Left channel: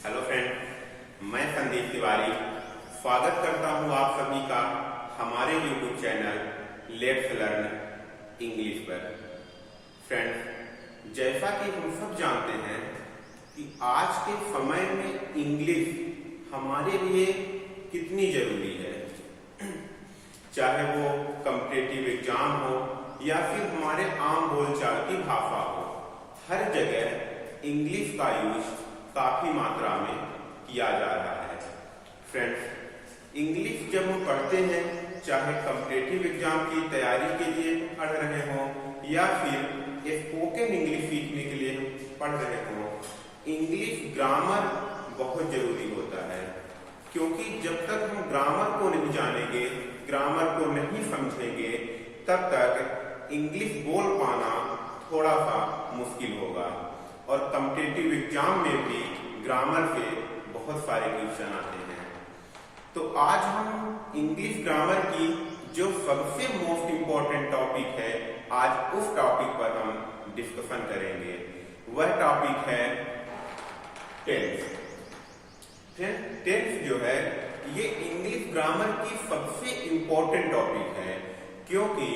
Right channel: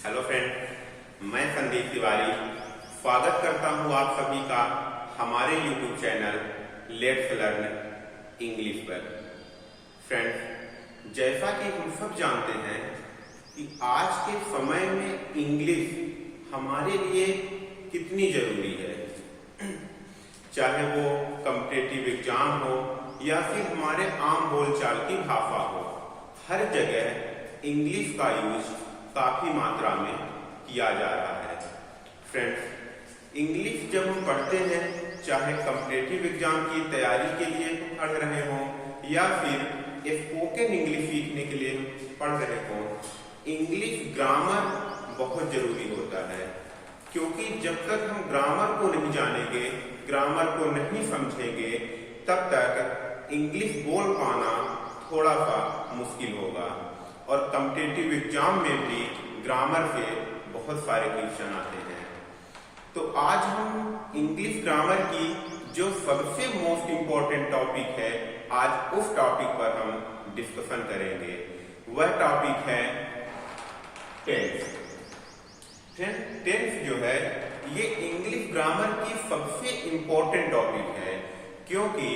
Hello friend, मैं संदीप तिवारी स्वागत करता हूं आप सभी का हमारे YouTube channel let's learn English पर। फ्रेंड्स, जैसा कि हम सब जानते हैं कि आज के समय में इंग्लिश हमारे लिए कितनी जरूरी है। चाहे वो कॉम्पिटिटिव एग्जाम हो या फिर हमारे आम बोलचाल की भाषा हो, हर जगह इंग्लिश का यूज काफी मात्रा में किया जा रहा है। फ्रेंड्स, इंग्लिश जब हम पढ़ते हैं, चाहे कॉम्पिटिटिव एग्जाम की तैयारी के लिए पढ़ रहे हों या फिर स्पोकन इंग्लिश सीखने के लिए हम पढ़ रहे हों, इंग्लिश ग्रामर बहुत जरूरी होता है। क्योंकि जब तक हम ग्रामर को नहीं जानेंगे, ग्रामर को नहीं समझेंगे, तब तक इंग्लिश बोल पाना थोड़ा सा मुश्किल होगा। और कॉम्पिटिटिव एग्जाम में भी ग्रामर के बहुत सारे क्वेश्चन आते हैं। तो आज हम इंग्लिश ग्रामर की जो सबसे मोस्ट इम्पोर्टेंट टॉपिक है, आज उस टॉपिक पर हम डिस्कशन करेंगे। वह टॉपिक है टेंस। टेंस जो है ये इंग्लिश ग्रामर की सबसे इम्पोर्टेंट टॉपिक है, क्योंकि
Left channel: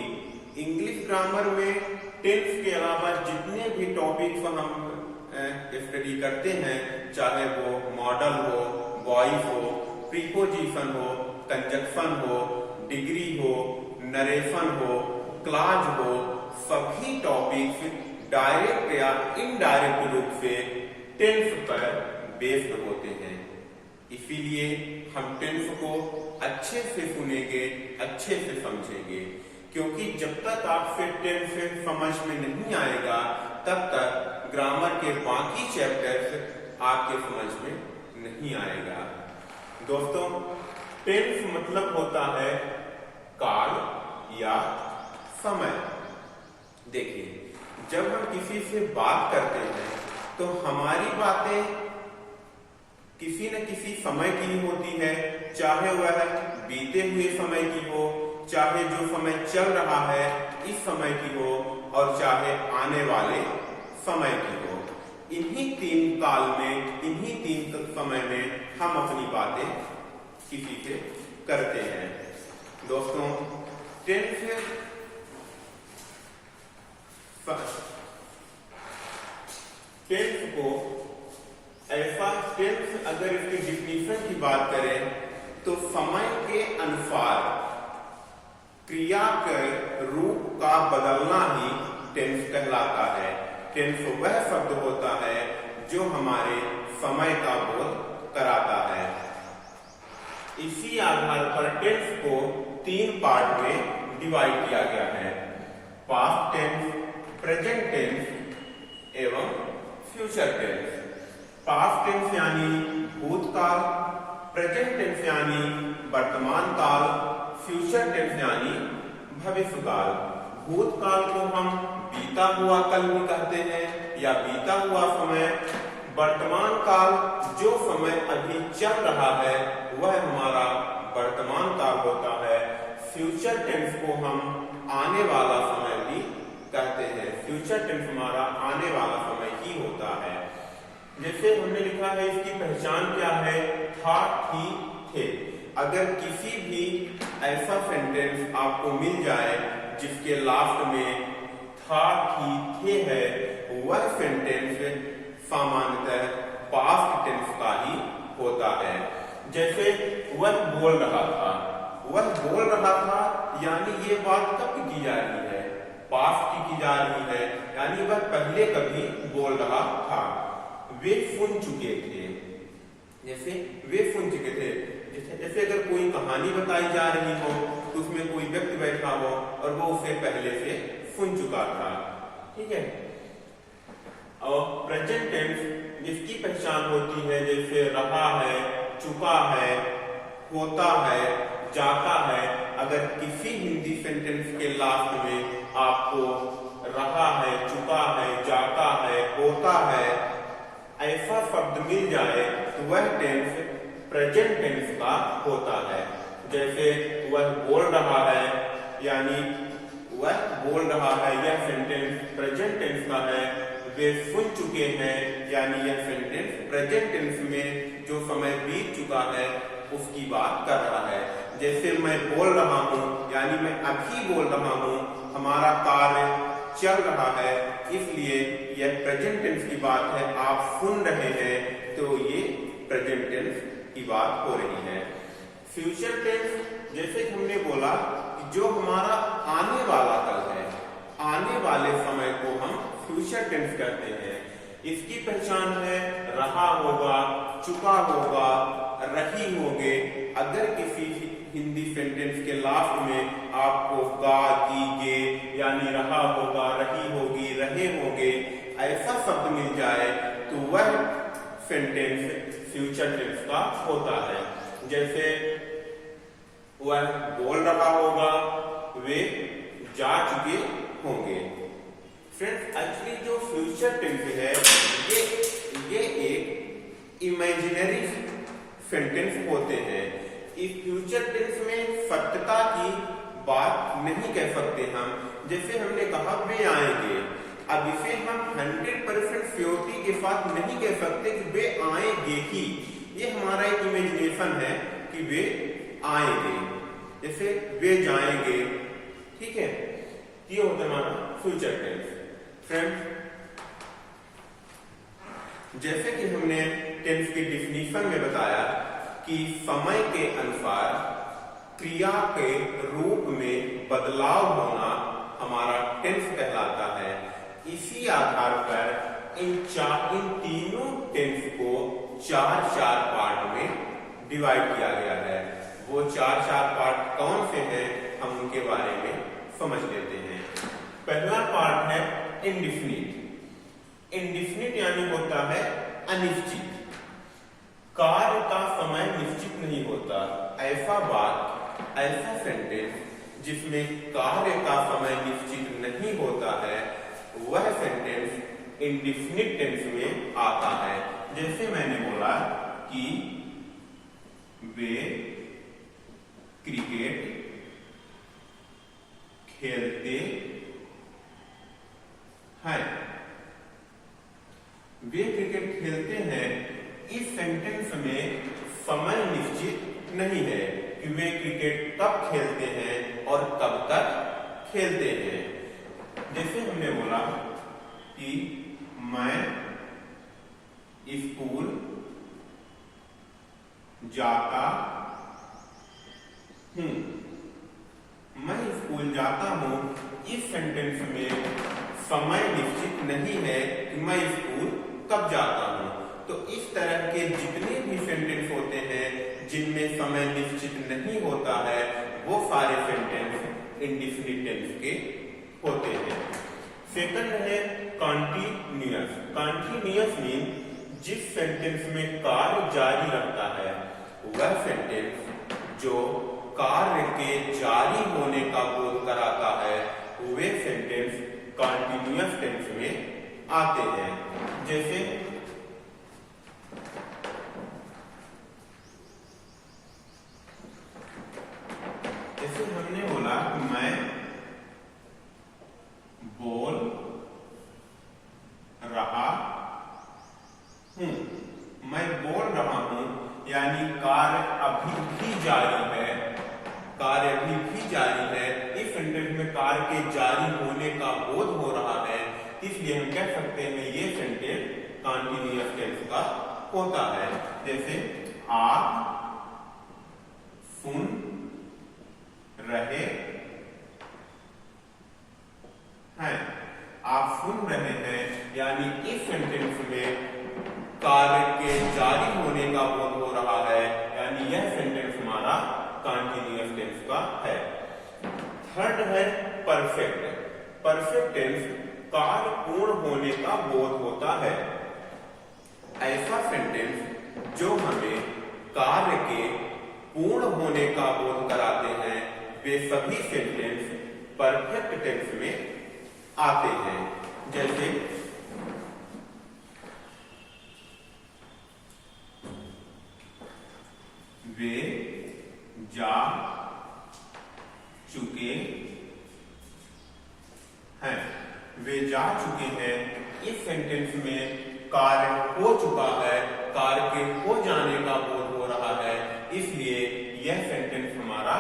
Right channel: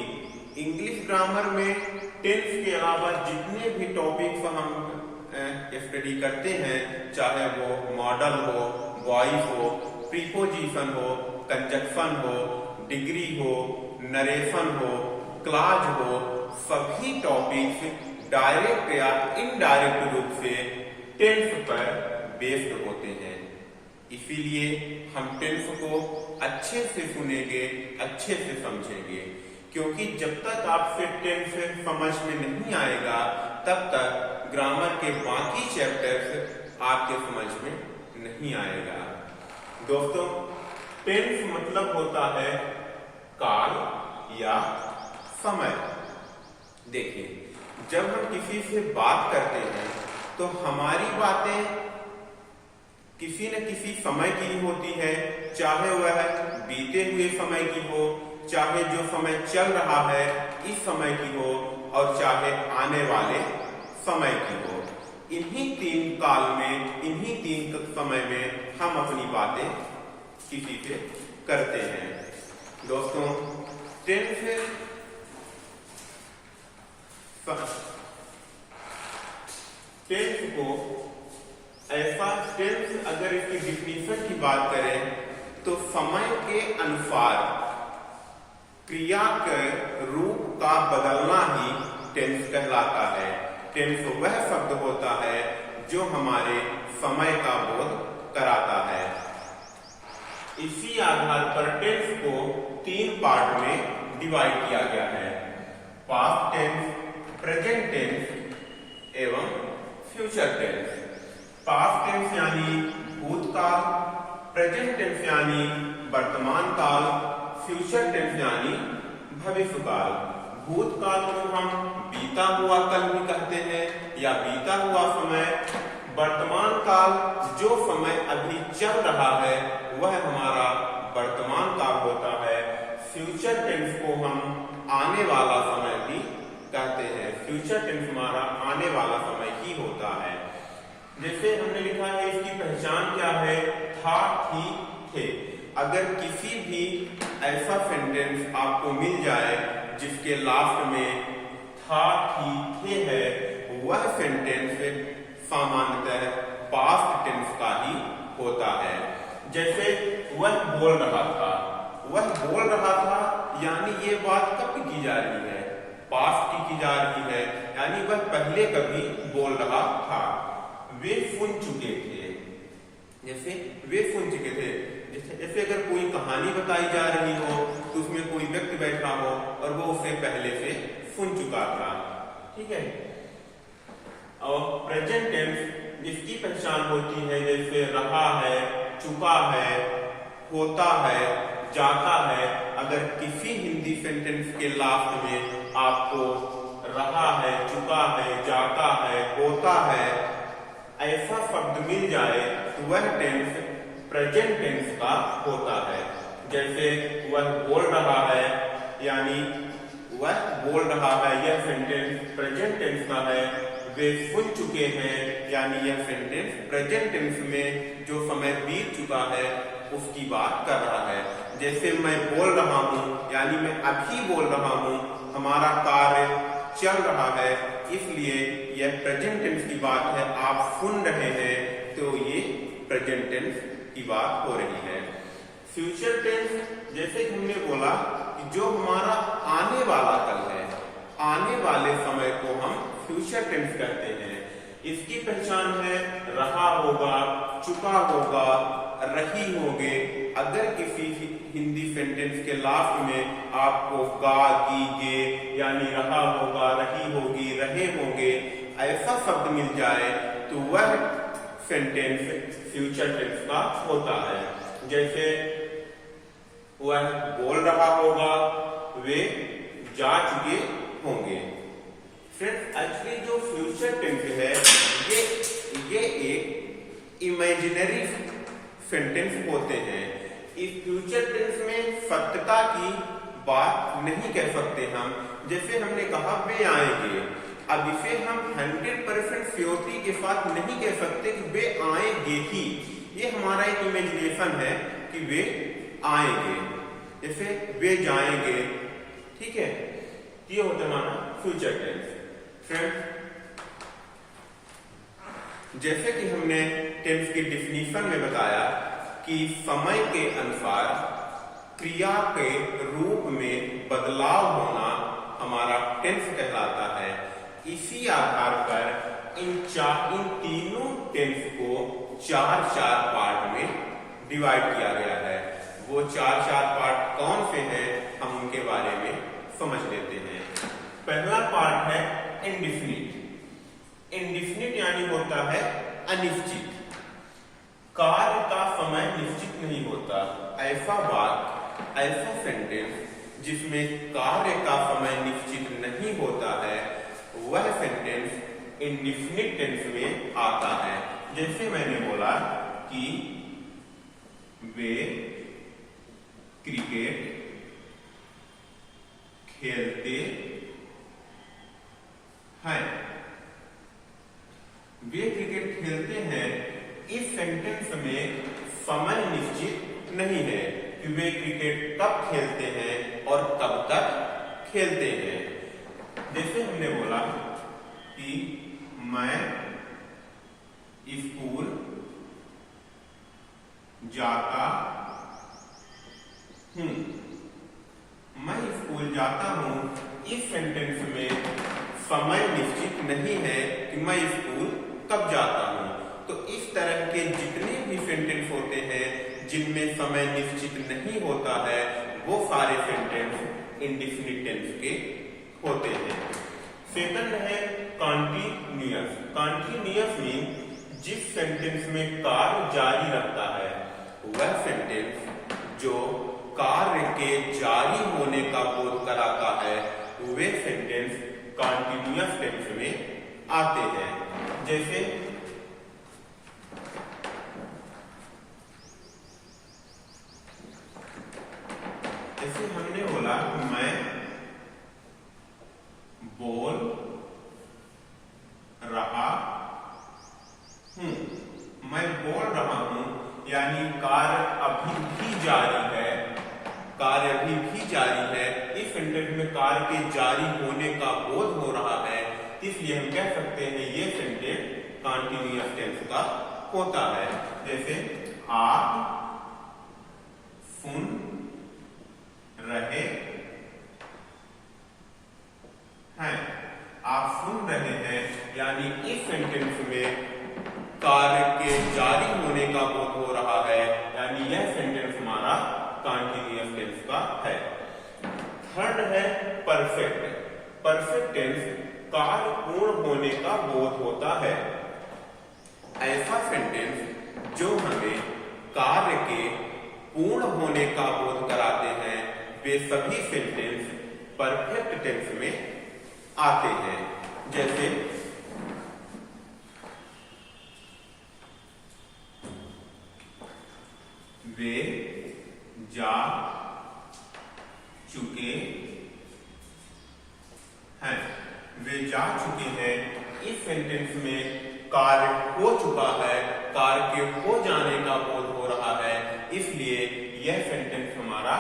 इंग्लिश ग्रामर में टेंस के अलावा जितने भी टॉपिक्स हम स्टडी करते हैं, चाहे वो मॉडल हो, वॉइस हो, प्रीपोजिशन हो, कंजक्शन हो, डिग्री हो, नरेशन हो, क्लॉज हो, सभी टॉपिक्स डायरेक्ट या इनडायरेक्ट रूप से टेंस पर बेस्ड होते हैं। इसीलिए हम टेंस को अच्छे से सुनेंगे, अच्छे से समझेंगे, क्योंकि जब तक आपसे टेंस समझ में नहीं आएगा, तब तक ग्रामर के बाकी चैप्टर्स आपके समझ में नहीं आएगा। दोस्तों, टेंस मतलब होता है काल या समय। देखिए, जब हम किसी से बात करते हैं तो हमारी बातें किसी न किसी समय की ही होती है, चाहे वह बीते हुए समय की हो, चाहे जो समय चल रहा है इस समय की हो, और चाहे आने वाले समय की हो। इन्हीं तीन काल में, इन्हीं तीन समय में हम अपनी बातें किसी से करते हैं। दोस्तों, टेंस को ऐसा, टेंस अगर इसकी डिफिनीशन की बात करें तो समय के अनुसार क्रिया के रूप का बदलना ही टेंस कहलाता है। टेंस वह शब्द होता है जो हमारे समय का बोध कराता है। इसी आधार पर टेंस को तीन पार्ट में डिवाइड किया गया है: पास्ट टेंस, प्रेजेंट टेंस एवं फ्यूचर टेंस। पास्ट टेंस यानी भूतकाल, प्रेजेंट टेंस यानी वर्तमान काल, फ्यूचर टेंस यानी भविष्यकाल। भूतकाल को हम बीता हुआ कल भी कहते हैं या बीता हुआ समय। वर्तमान काल, जो समय अभी चल रहा है वह हमारा वर्तमान काल होता है। फ्यूचर टेंस को हम आने वाला समय भी कहते हैं। फ्यूचर टेंस हमारा आने वाला समय ही होता है। जैसे हमने लिखा है, इसकी पहचान क्या है? था, थी, थे। अगर किसी भी ऐसा सेंटेंस आपको मिल जाए जिसके लास्ट में था, थी, थे है, वह सेंटेंस सामान्यतः पास्ट टेंस का ही होता है। जैसे वह बोल रहा था, वह बोल रहा था यानी ये बात कब की जा रही है? पास्ट की जा रही है, यानी वह पहले कभी बोल रहा था। वे सुन चुके थे, जैसे वे सुन चुके थे। जैसे अगर कोई कहानी बताई जा रही हो तो उसमें कोई व्यक्ति बैठा हो और वो उसे पहले से सुन चुका था। ठीक है। और प्रेजेंट टेंस जिसकी पहचान होती है, जैसे रहा है, चुका है, होता है, जाता है। अगर किसी हिंदी सेंटेंस के लास्ट में आपको रहा है, चुका है, जाता है, होता है ऐसा शब्द मिल जाए तो वह टेंस प्रेजेंट टेंस का होता है। जैसे वह बोल रहा है, यानी वह बोल रहा है, यह सेंटेंस प्रेजेंट टेंस का है। वे सुन चुके हैं, यानी यह सेंटेंस प्रेजेंट टेंस में जो समय बीत चुका है उसकी बात कर रहा है। जैसे मैं बोल रहा हूं, यानी मैं अभी बोल रहा हूं, हमारा कार्य चल रहा है, इसलिए यह प्रेजेंट टेंस की बात है। आप सुन रहे हैं तो ये प्रेजेंट टेंस की बात हो रही है। फ्यूचर टेंस, जैसे कि हमने बोला कि जो हमारा आने वाला कल है, आने वाले समय को हम फ्यूचर टेंस कहते हैं। इसकी पहचान है रहा होगा, चुका होगा, रही होगे। अगर किसी हिंदी सेंटेंस के लास्ट में आपको गा, गी, गे, यानी रहा होगा, रही होगी, रहे होंगे ऐसा शब्द मिल जाए तो वह सेंटेंस फ्यूचर टेंस का होता है। जैसे वह बोल रहा होगा, वे जा चुके होंगे। फ्रेंड्स, एक्चुअली जो फ्यूचर टेंस है ये एक इमेजिनरी सेंटेंस होते हैं। इस फ्यूचर टेंस में सत्यता की बात नहीं कह सकते हम। जैसे हमने कहा वे आएंगे, अब इसे हम 100% श्योरिटी के साथ नहीं कह सकते कि वे आएंगे ही। ये हमारा एक इमेजिनेशन है कि वे आएंगे। जैसे वे जाएंगे, ठीक है, ये होता है हमारा फ्यूचर टेंस। फ्रेंड्स, जैसे कि हमने टेंस की डिफिनीशन में बताया कि समय के अनुसार क्रिया के रूप में बदलाव होना हमारा टेंस कहलाता है। इसी आधार पर इन तीनों टेंस को 4 पार्ट में डिवाइड किया गया है। वो 4 पार्ट कौन से हैं, हम उनके बारे में समझ लेते हैं। पहला पार्ट है इंडिफिनिट। इंडिफिनिट यानी होता है अनिश्चित। कार्य का समय निश्चित नहीं होता। ऐसा सेंटेंस जिसमें कार्य का समय निश्चित नहीं होता है, वह सेंटेंस इंडिफिनिट टेंस में आता है। जैसे मैंने बोला कि वे क्रिकेट खेलते हैं। वे क्रिकेट खेलते हैं, इस सेंटेंस में समय निश्चित नहीं है कि वे क्रिकेट कब खेलते हैं और कब तक खेलते हैं। जैसे हमने बोला कि मैं स्कूल जाता हूं। मैं स्कूल जाता हूं, इस सेंटेंस में समय निश्चित नहीं है कि मैं स्कूल कब जाता हूं। तो इस तरह के जितने भी सेंटेंस होते हैं जिनमें समय निश्चित नहीं होता है, वो सारे सेंटेंस इंडिफिनिट टेंस के होते हैं। सेकंड है कॉन्टिन्यूअस। कॉन्टिन्यूअस मीन जिस सेंटेंस में कार्य जारी रखता है, वह सेंटेंस जो कार्य के जारी होने का बोध कराता है, वे सेंटेंस कॉन्टिन्यूअस टेंस में आते हैं। जैसे हमने बोला कि मैं बोल रहा हूं। मैं बोल रहा हूं यानी कार्य अभी भी जारी है। कार्य अभी भी जारी है। इस सेंटेंस में कार्य के जारी होने का बोध हो रहा है, इसलिए हम कह सकते हैं ये सेंटेंस कॉन्टिन्यूअस टेंस का होता है। जैसे आप सुन रहे हैं। आप सुन रहे हैं यानी इस सेंटेंस में कार्य के जारी होने का बोध हो रहा है, यानी यह सेंटेंस हमारा कॉन्टिन्यूअस टेंस का है। थर्ड है परफेक्ट। परफेक्ट टेंस कार्य पूर्ण होने का बोध होता है। ऐसा सेंटेंस जो हमें कार्य के पूर्ण होने का बोध कराते हैं, वे सभी सेंटेंस परफेक्ट टेंस में आते हैं। जैसे वे जा चुके हैं। वे जा चुके हैं, इस इस सेंटेंस में कार्य हो चुका है, कार्य के हो जाने का बोध हो रहा है, इसलिए यह सेंटेंस हमारा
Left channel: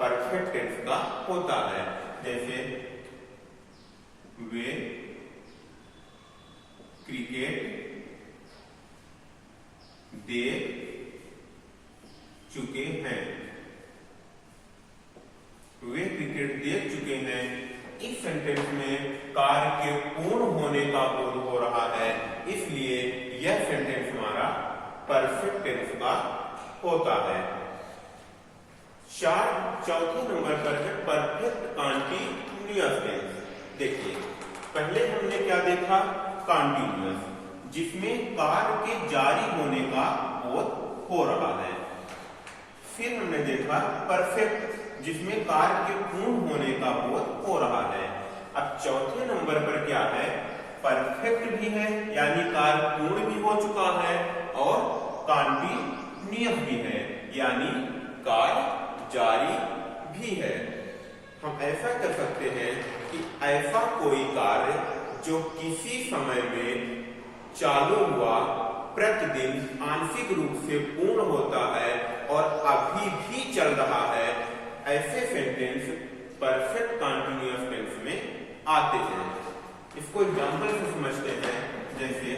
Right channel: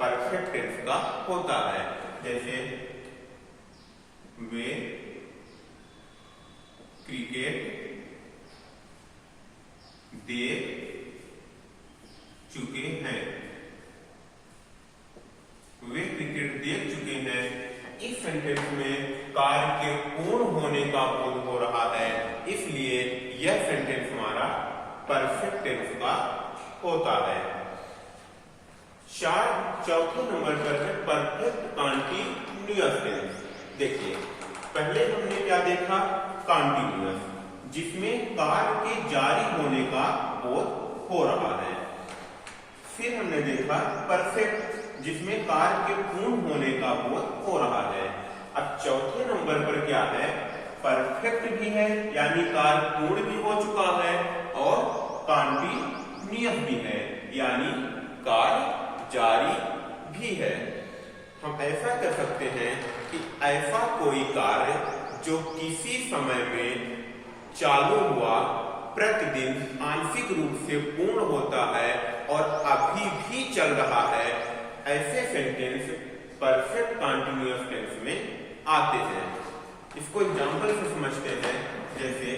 परफेक्ट टेंस का होता है। जैसे वे क्रिकेट देख चुके हैं, वे क्रिकेट देख चुके हैं। इस सेंटेंस में कार्य के पूर्ण होने का बोध हो रहा है, इसलिए यह सेंटेंस हमारा परफेक्ट टेंस का होता है। चौथे नंबर पर है परफेक्ट कॉन्टिन्यूअस टेंस। देखिए, पहले हमने क्या देखा? कॉन्टिन्यूअस, जिसमें कार्य के जारी होने का बोध हो रहा है। फिर हमने देखा परफेक्ट, जिसमें कार्य के पूर्ण होने का बोध हो रहा है। अब चौथे नंबर पर क्या है? परफेक्ट भी है, यानी कार्य पूर्ण भी हो चुका है, और कॉन्टिन्यूअस भी है, यानी कार्य जारी भी है। हम ऐसा कर सकते हैं कि ऐसा कोई कार्य जो किसी समय में चालू हुआ, प्रतिदिन आंशिक रूप से पूर्ण होता है और अभी भी चल रहा है, ऐसे सेंटेंस परफेक्ट कॉन्टिन्यूअस टेंस में आते हैं। इसको एग्जांपल से समझते हैं। जैसे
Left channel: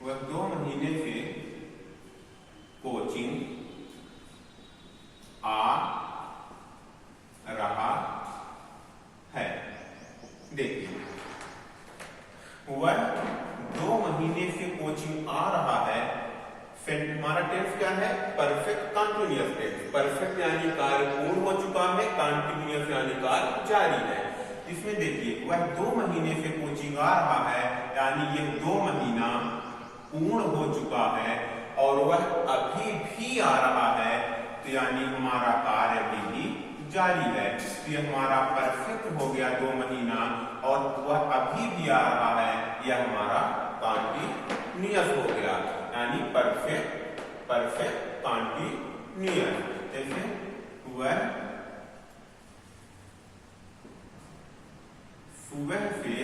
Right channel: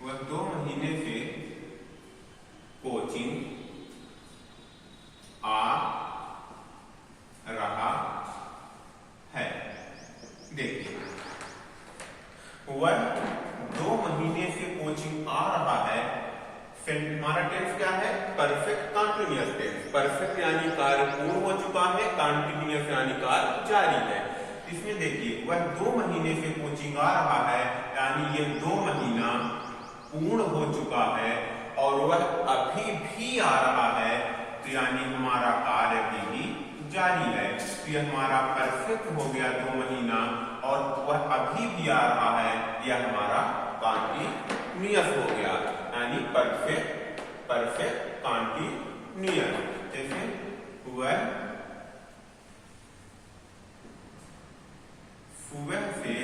वह 2 महीने से कोचिंग आ रहा है। देखिए, वह 2 महीने से कोचिंग आ रहा है। हमारा टेंस क्या है? Perfect continuous tense. परफेक्ट यानी कार्य पूर्ण हो चुका है, कॉन्टिन्यूअस यानी कार्य जारी है। इसमें देखिए, वह 2 महीने से कोचिंग आ रहा है, यानी ये 2 महीना पूर्ण हो चुका है और वह अभी भी आ रहा है, तो यानी हमारा कार्य भी जारी है। तो यह हमारा परफेक्ट हो गया 2 महीना, और वह अभी भी आ रहा है, यह हमारा कॉन्टिन्यूअस हो गया, यानी परफेक्ट कॉन्टिन्यूअस। जैसे वह सुबह से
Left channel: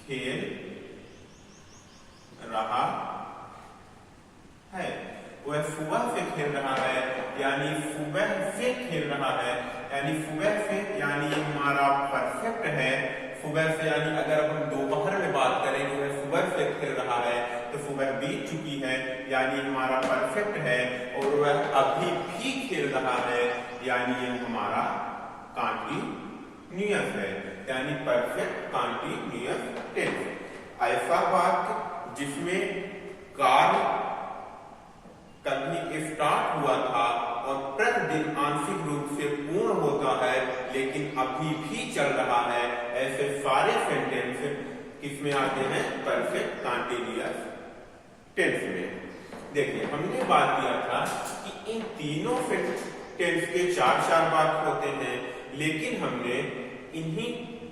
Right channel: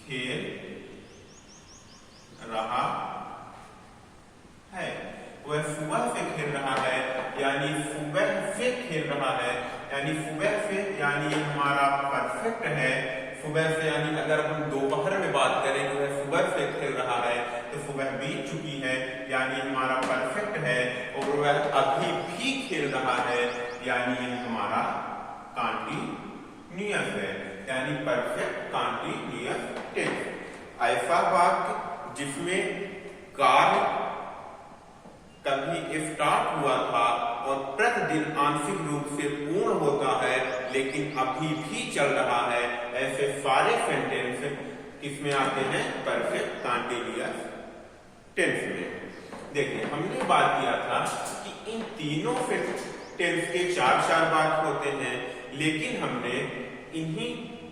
खेल रहा है। वह सुबह से खेल रहा है, यानी सुबह से खेल रहा है, यानी सुबह से, यानी हमारा परफेक्ट है। सुबह से यानी अगर हम दोपहर में बात करें तो वह सुबह से खेल रहा है, तो सुबह बीत चुकी है, यानी हमारा परफेक्ट है। और वह अभी भी खेल रहा है, यानी ये हमारा कॉन्टिन्यूअस है, यानी परफेक्ट कॉन्टिन्यूअस टेंस। ऐसा वाक्य जिसमें कार्य कभी स्टार्ट हुआ था और प्रतिदिन आंशिक रूप से पूर्ण होता है, लेकिन अभी भी चल रहा है, ऐसे सारे सेंटेंस किसमें आते हैं? परफेक्ट कॉन्टिन्यूअस टेंस में। देखिए, हमने बात किया था कि इन तीनों टेंस के 4 वाक्य होते हैं, लेकिन हमने इन्हीं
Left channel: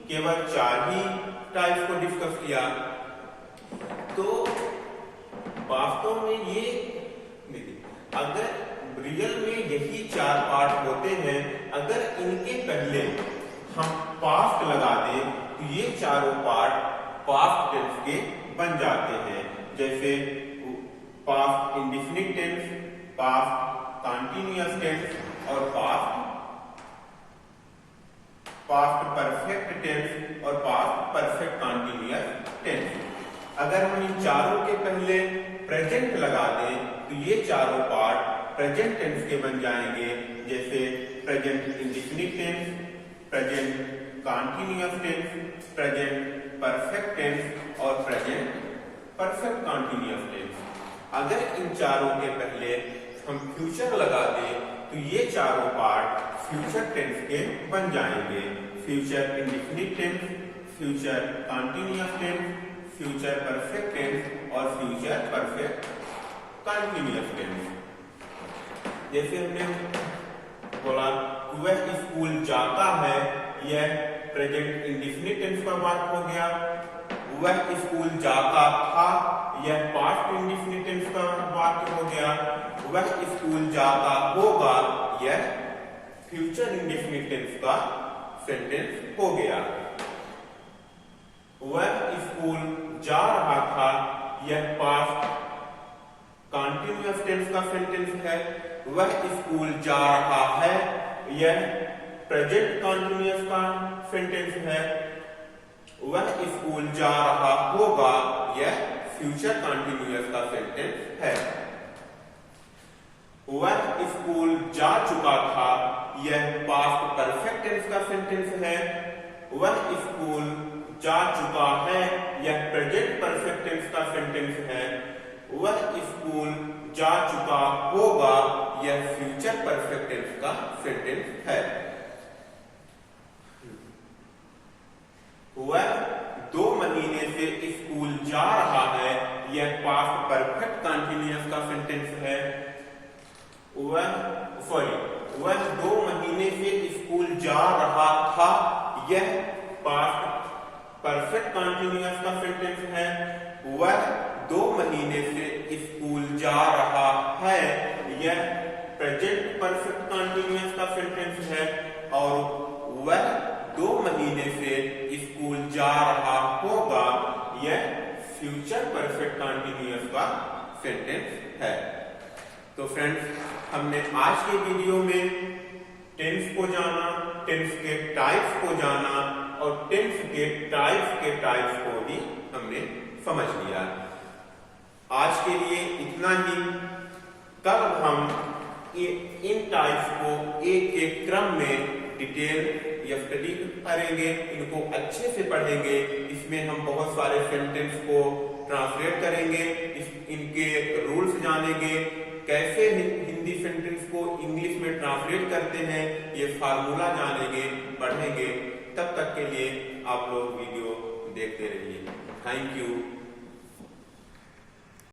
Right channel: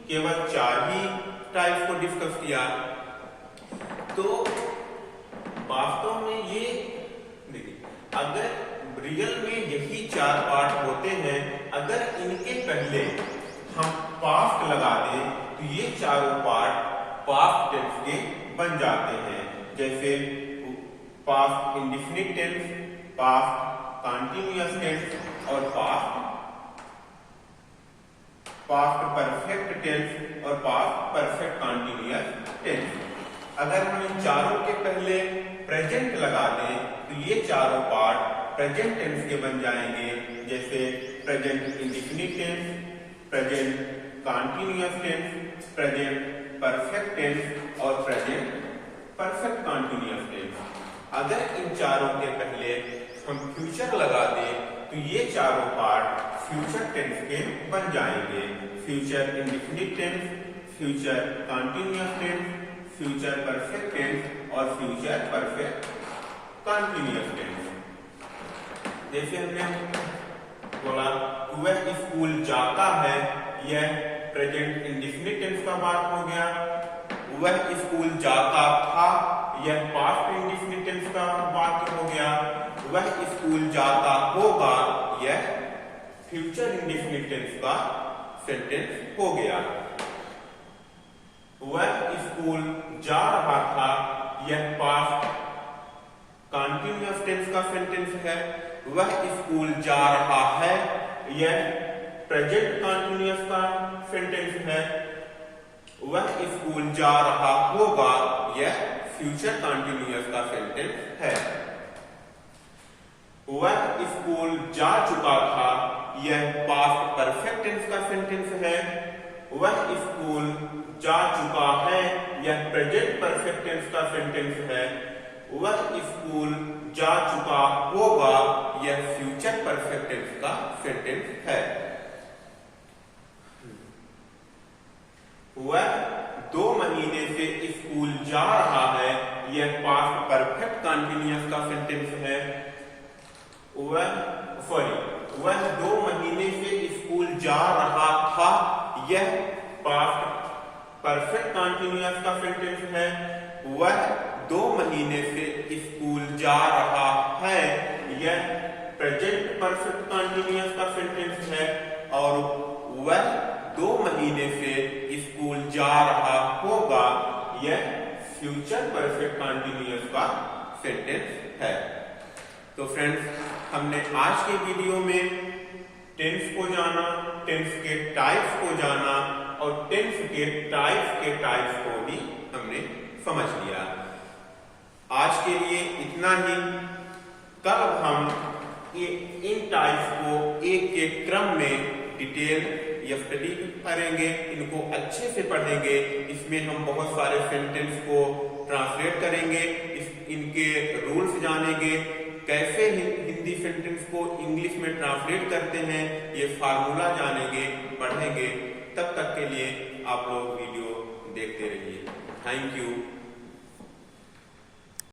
केवल 4 ही टाइप को डिस्कस किया। तो वास्तव में ये देखिए, अगर रियल में यही 4 पार्ट होते हैं, अगर इनके पहले हम पास्ट लगा दें तो ये चारों पार्ट पास्ट टेंस के बन जाते हैं। जैसे past indefinite tense, past continuous tense और पास्ट परफेक्ट टेंस और पास्ट परफेक्ट कॉन्टिन्यूअस टेंस। अगर हम इन चारों के पहले प्रेजेंट लगा दें तो ये चारों पार्ट प्रेजेंट टेंस के बन जाएंगे। जैसे present indefinite tense, present continuous tense, present perfect tense और प्रेजेंट परफेक्ट कॉन्टिन्यूअस टेंस। अगर इन चारों के पहले हम फ्यूचर लगा दें तो ये चारों पार्ट फ्यूचर टेंस के बन जाएंगे। Future indefinite tense, future continuous tense, future perfect tense और फ्यूचर परफेक्ट कॉन्टिन्यूअस टेंस। जैसे हमने बोला वह स्कूल जाता है, यह प्रेजेंट इंडेफिनिट टेंस का बात हो गया। वह स्कूल जाता था, यह पास्ट इंडेफिनिट टेंस का बात हो गया। वह स्कूल जाता होगा, यह फ्यूचर इंडेफिनिट टेंस का सेंटेंस हो गया। वह स्कूल जा रहा था, यह पास्ट कंटीन्यूअस टेंस का सेंटेंस है। वह स्कूल जा रहा है, यह प्रेजेंट कंटीन्यूअस का सेंटेंस है। वह स्कूल जा रहा होगा, यह फ्यूचर कंटीन्यूअस का सेंटेंस है। वह स्कूल जा चुका था, यह पास्ट परफेक्ट टेंस का सेंटेंस है। वह स्कूल जा चुका है, यह प्रेजेंट परफेक्ट टेंस का सेंटेंस है। वह स्कूल जा चुका होगा, यह फ्यूचर परफेक्ट टेंस का सेंटेंस है। वह 2 महीने से स्कूल जा रहा है, यह पास्ट परफेक्ट कंटीन्यूअस का सेंटेंस है। वह 2 महीने से स्कूल जा रहा था, यह पास्ट परफेक्ट कंटीन्यूअस का सेंटेंस है। वह 2 महीने से स्कूल जा रहा है, यह प्रेजेंट परफेक्ट कंटीन्यूअस का सेंटेंस है। और वह 2 महीने से स्कूल जा रहा होगा, यह फ्यूचर परफेक्ट कंटीन्यूअस का सेंटेंस है। तो फ्रेंड्स, हमने आज के वीडियो में टेंस को जाना, टेंस के टाइप्स को जाना और टेंस के टाइप्स को भी हमने समझ लिया। आज के लिए इतना ही। कल हम इन टाइप्स को एक एक क्रम में डिटेल या स्टडी करेंगे, इनको अच्छे से पढ़ेंगे। इसमें हम बहुत सारे सेंटेंस को ट्रांसलेट करेंगे, इनके रूल्स जानेंगे, कैसे हिंदी सेंटेंस को इंग्लिश में ट्रांसलेट करते हैं, ये फार्मूला जानेंगे, पढ़ेंगे। तब तक के लिए आप लोग वीडियो देखते रहिए। Thank you.